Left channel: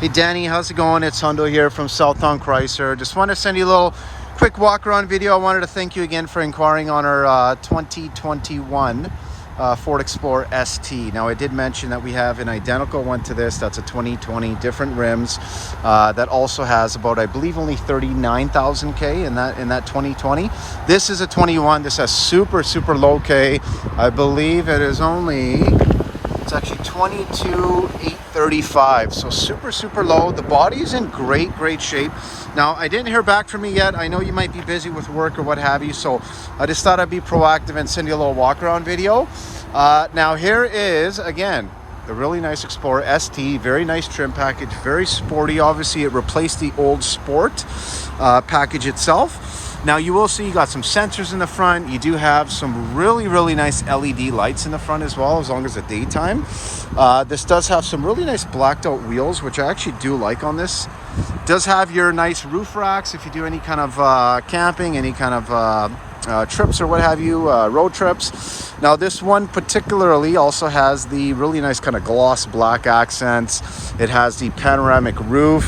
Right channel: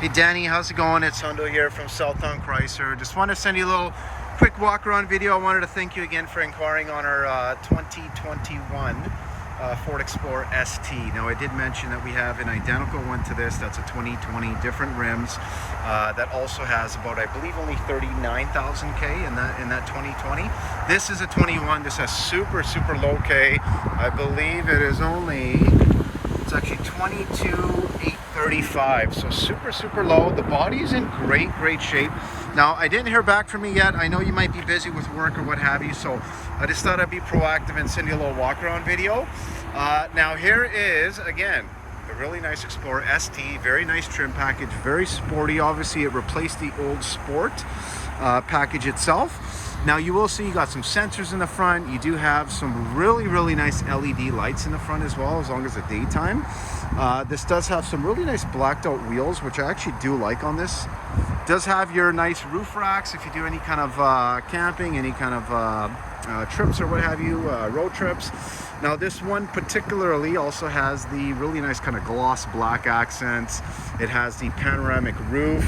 Hey Danny, how's it going? It's Hundo here from Southtown Chrysler. Just want to send you a little quick walk around video. I wanted to thank you again for inquiring on our 2021 Ford Explorer ST. Now I did mention that we have an identical one to this. That's a 2020, different rims. That also has about, I believe, only 39,000 K in that 2020. This is a 21. This has super low K. I believe it is only, it's actually 22,835, so super low. The body is in great shape. Now I didn't hear back from you yet. I know you might be busy with work or what have you, so I just thought I'd be proactive and send you a little walk around video. Now here is again the really nice Explorer ST, very nice trim package, very sporty. Obviously it replaced the old Sport package itself. Now you will see you got some sensors in the front. You do have some really nice LED lights in the front as well, as long as the daytime. This does have some really nice blacked out wheels, which I actually do like on this. Does have your nice roof racks if you do any kind of camping, any kind of trips or what have you, road trips. Now this one particularly also has the really nice kind of gloss black accents. It has the panoramic roof.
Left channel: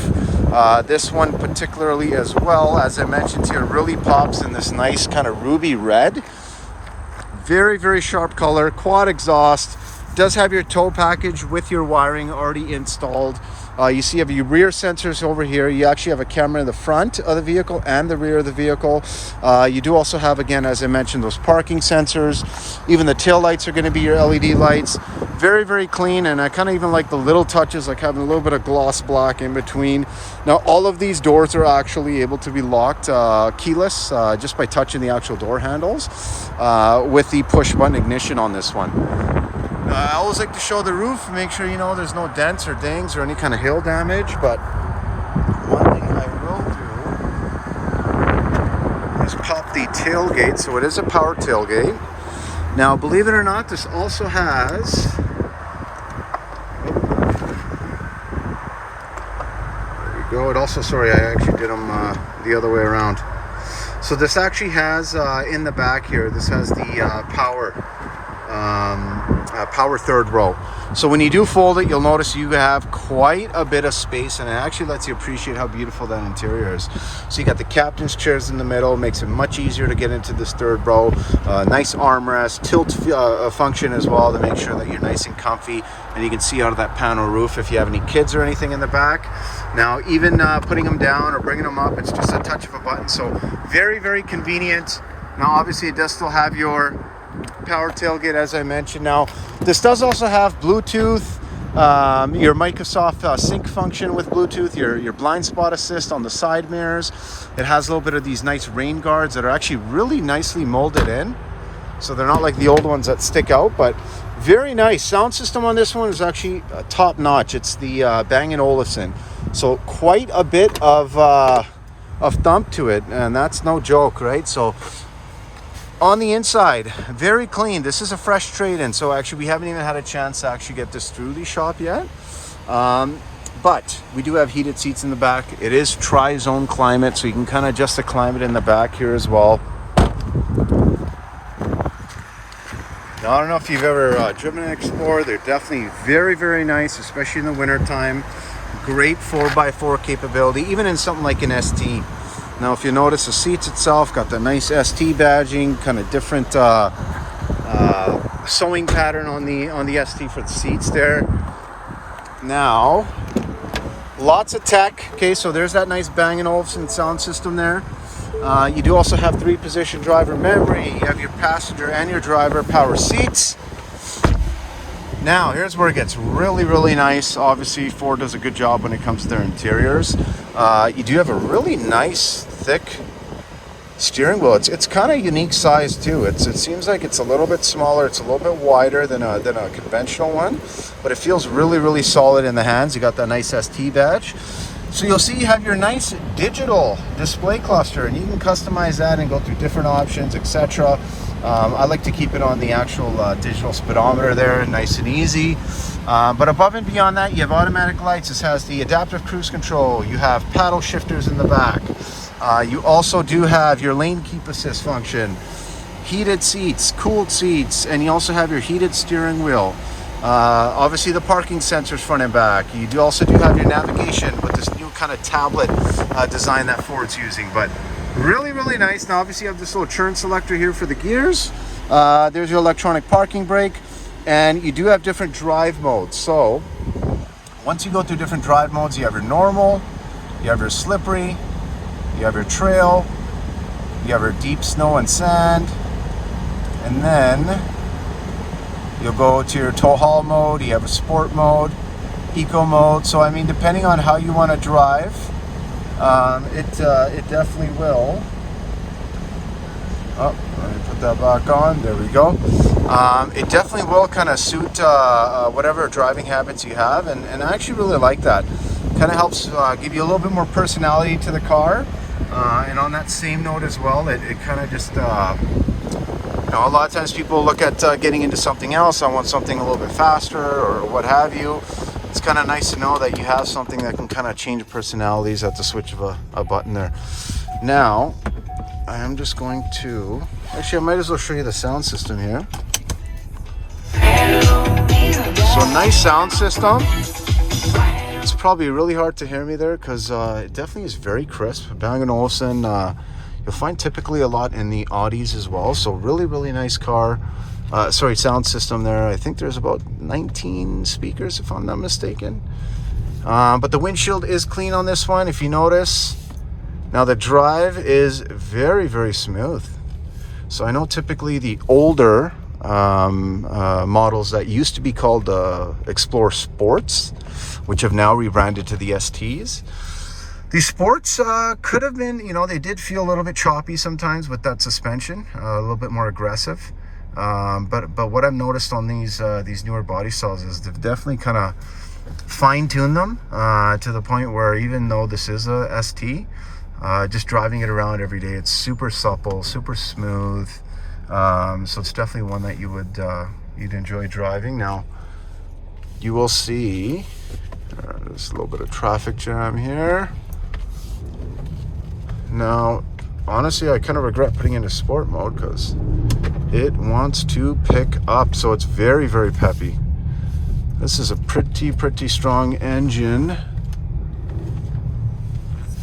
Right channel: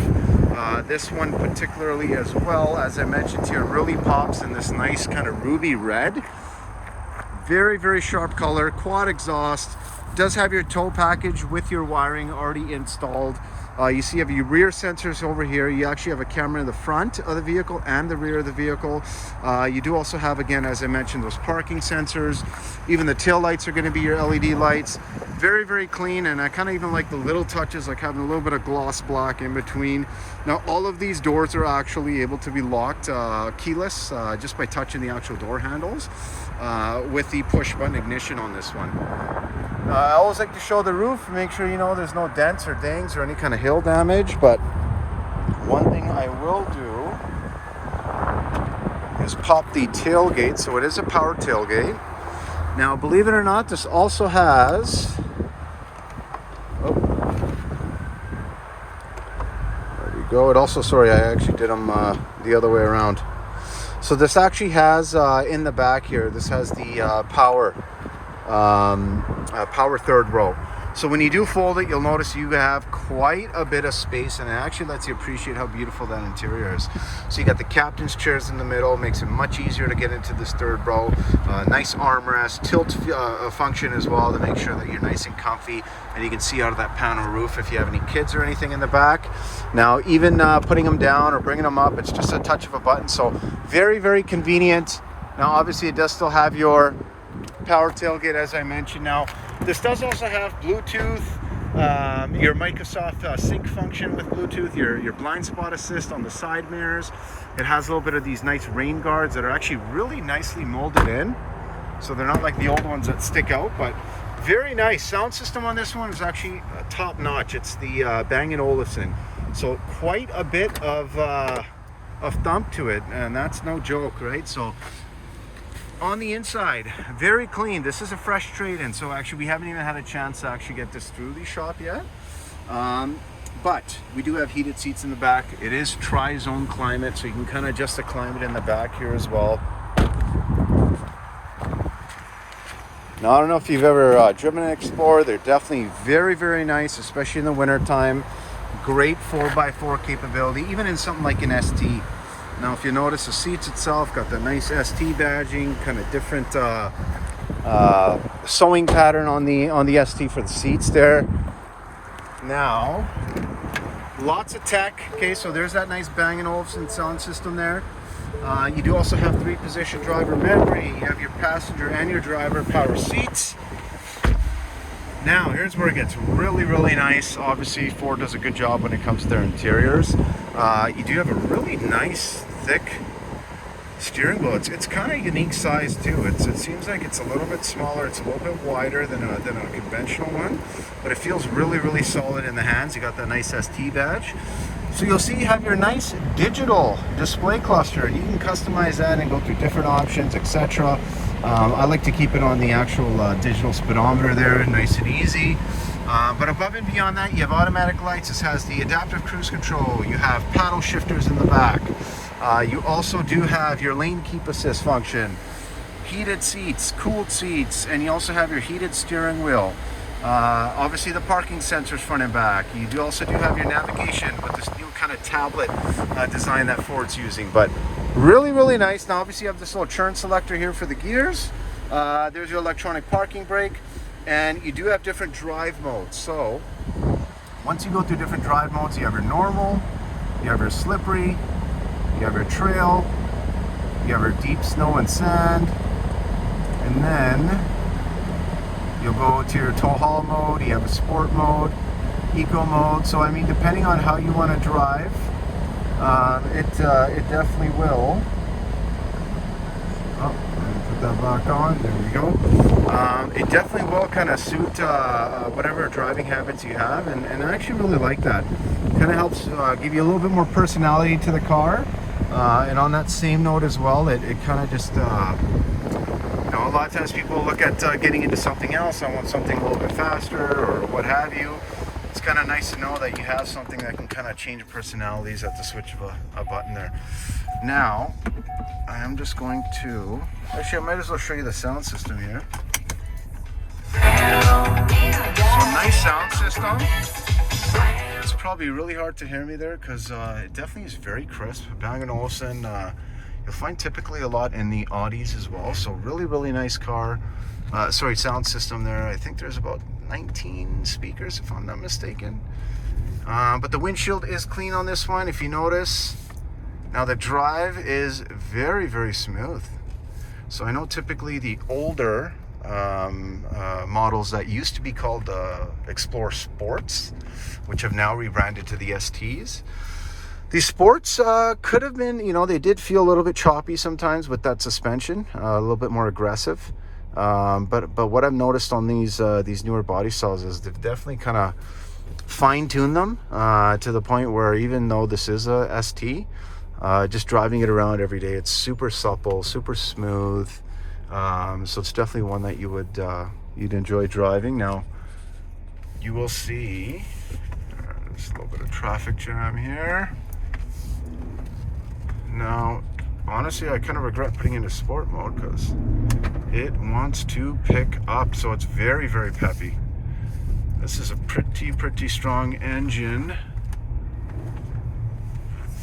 This one particularly as well, as I mentioned here, really pops in this nice kind of ruby red. Very sharp color, quad exhaust. Does have your tow package with your wiring already installed. You see you have your rear sensors over here. You actually have a camera in the front of the vehicle and the rear of the vehicle. You do also have, again, as I mentioned, those parking sensors. Even the tail lights are going to be your LED lights. Very clean, and I kind of even like the little touches, like having a little bit of gloss black in between. Now all of these doors are actually able to be locked keyless, just by touching the actual door handles, with the push button ignition on this one. I always like to show the roof, make sure you know there's no dents or dings or any kind of hail damage. But one thing I will do is pop the tailgate. So it is a power tailgate. Now believe it or not, this also has, there we go. It also, sorry, I actually did them the other way around. So this actually has in the back here, this has the power third row. So when you do fold it, you'll notice you have quite a bit of space, and it actually lets you appreciate how beautiful that interior is. So you got the captain's chairs in the middle, makes it much easier to get into this third row. Nice armrest, tilt function as well to make sure that you're nice and comfy, and you can see out of that panel roof if you have any kids or anything in the back. Now even putting them down or bringing them up, it's just a touch of a button. So very convenient. Now obviously it does still have your power tailgate, as I mentioned. Now this does also have Bluetooth, your Microsoft sync function with Bluetooth, your blind spot assist on the side mirrors. It has a little bit of these nice rain guards that are actually really nicely molded in, so they're not like the old ones that stick out, but very nice. Sound system on this one is actually top notch. It's the Bang & Olufsen, so quite a bit of thump to it, and that's no joke, right? So on the inside, very clean. This is a fresh trade-in, so actually we haven't even had a chance to actually get this through the shop yet. But we do have heated seats in the back. It is tri-zone climate, so you can kind of adjust the climate in the back here as well. Now, I don't know if you've ever driven an Explorer. They're definitely very nice, especially in the winter time. Great 4x4 capability, even in something like an ST. Now, if you notice, the seats itself got the nice ST badging, kind of different sewing pattern on the ST for the seats there. Now, lots of tech. Okay, so there's that nice Bang & Olufsen sound system there. You do also have 3-position driver memory. You have your passenger and your driver power seats. Now, here's where it gets really nice. Obviously, Ford does a good job when it comes to their interiors. You do have a really nice, thick steering wheel. It's kind of unique size too. It seems like it's a little bit smaller. It's a little bit wider than a conventional one, but it feels really solid in the hands. You got that nice ST badge. So you'll see you have your nice digital display cluster, and you can customize that and go through different options, etc. I like to keep it on the actual digital speedometer there, nice and easy. But above and beyond that, you have automatic lights. This has the adaptive cruise control. You have paddle shifters in the back. You also do have your lane keep assist function, heated seats, cooled seats, and you also have your heated steering wheel. Obviously the parking sensors front and back. You do also have your navigation with this new kind of tablet design that Ford's using, but really, really nice. Now obviously you have this little churn selector here for the gears. There's your electronic parking brake, and you do have different drive modes. So once you go through different drive modes, you have your normal, you have your slippery, you have your trail, you have your deep snow and sand, and then you'll go to your tow haul mode. You have a sport mode, eco mode. So I mean, depending on how you want to drive, it definitely will. Oh, let me put that back on. There we go. It definitely will kind of suit whatever driving habits you have, and I actually really like that. Kind of helps give you a little bit more personality to the car. And on that same note as well, it kind of just you know, a lot of times people look at getting into something else. I want something a little bit faster or what have you. It's kind of nice to know that you have something that can kind of change personalities at the switch of a button there. Now, I am just going to... Actually, I might as well show you the sound system here. So, nice sound system. It's probably really hard to hear me there because it definitely is very crisp. Bang & Olufsen, you'll find typically a lot in the Audis as well. So really, really nice car. Sound system there. I think there's about 19 speakers if I'm not mistaken. But the windshield is clean on this one, if you notice. Now the drive is very, very smooth. So I know typically the older models that used to be called Explorer Sports, which have now rebranded to the STs. These Sports could have been, you know, they did feel a little bit choppy sometimes with that suspension, a little bit more aggressive. But what I've noticed on these newer body styles is they've definitely kind of fine-tuned them to the point where even though this is a ST, just driving it around every day, it's super supple, super smooth. So it's definitely one that you would you'd enjoy driving. Now you will see there's a little bit of traffic jam here. Now honestly, I kind of regret putting it into sport mode because it wants to pick up. So it's very, very peppy. This is a pretty strong engine.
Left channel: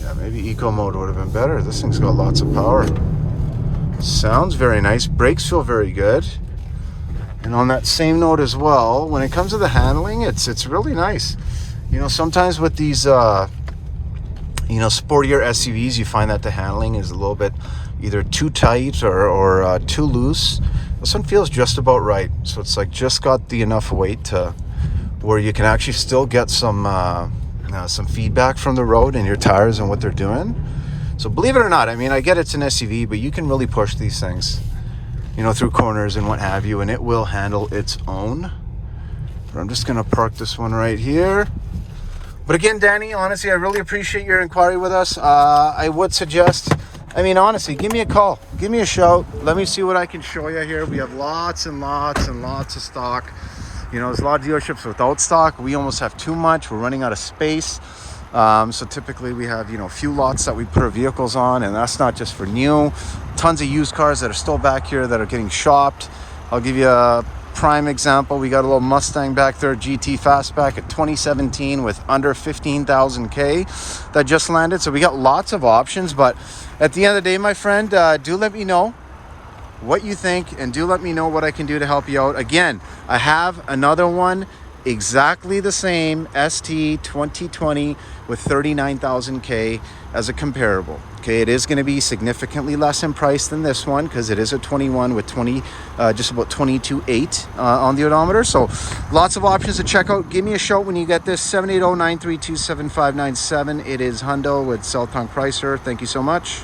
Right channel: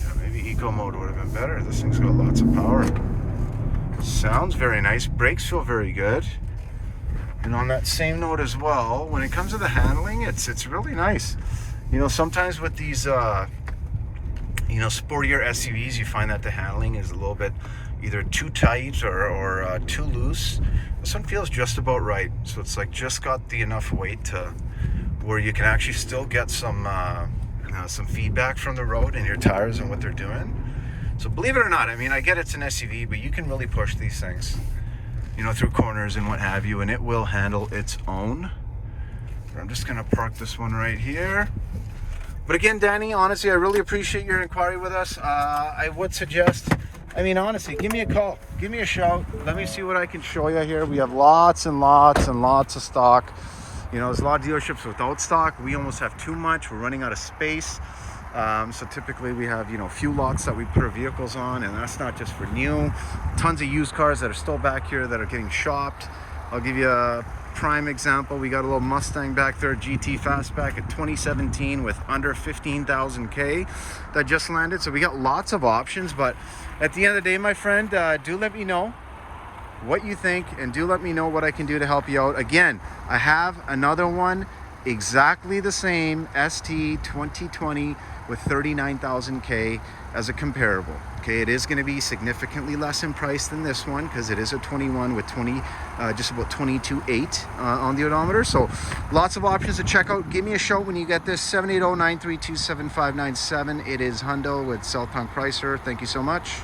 Yeah, maybe eco mode would have been better. This thing's got lots of power. Sounds very nice. Brakes feel very good. And on that same note as well, when it comes to the handling, it's really nice. You know, sometimes with these you know, sportier SUVs, you find that the handling is a little bit either too tight or too loose. This one feels just about right. So it's like just got the enough weight to where you can actually still get some feedback from the road and your tires and what they're doing. So believe it or not, I mean, I get it's an SUV, but you can really push these things, you know, through corners and what have you, and it will handle its own. But I'm just gonna park this one right here. But again, Danny, honestly, I really appreciate your inquiry with us. I would suggest, I mean, honestly, give me a call, give me a shout. Let me see what I can show you here. We have lots and lots and lots of stock. You know, there's a lot of dealerships without stock. We almost have too much. We're running out of space. So typically we have, you know, a few lots that we put our vehicles on, and that's not just for new. Tons of used cars that are still back here that are getting shopped. I'll give you a prime example. We got a little Mustang back there, GT Fastback at 2017 with under 15,000 K that just landed. So we got lots of options, but at the end of the day, my friend, do let me know what you think, and do let me know what I can do to help you out. Again, I have another one exactly the same, ST 2020 with 39,000 K as a comparable. Okay, it is going to be significantly less in price than this one because it is a 21 with 20 just about 22.8 on the odometer. So lots of options to check out. Give me a shout when you get this. 780-932-7597. It is Hundo with South Tongue Pricer. Thank you so much.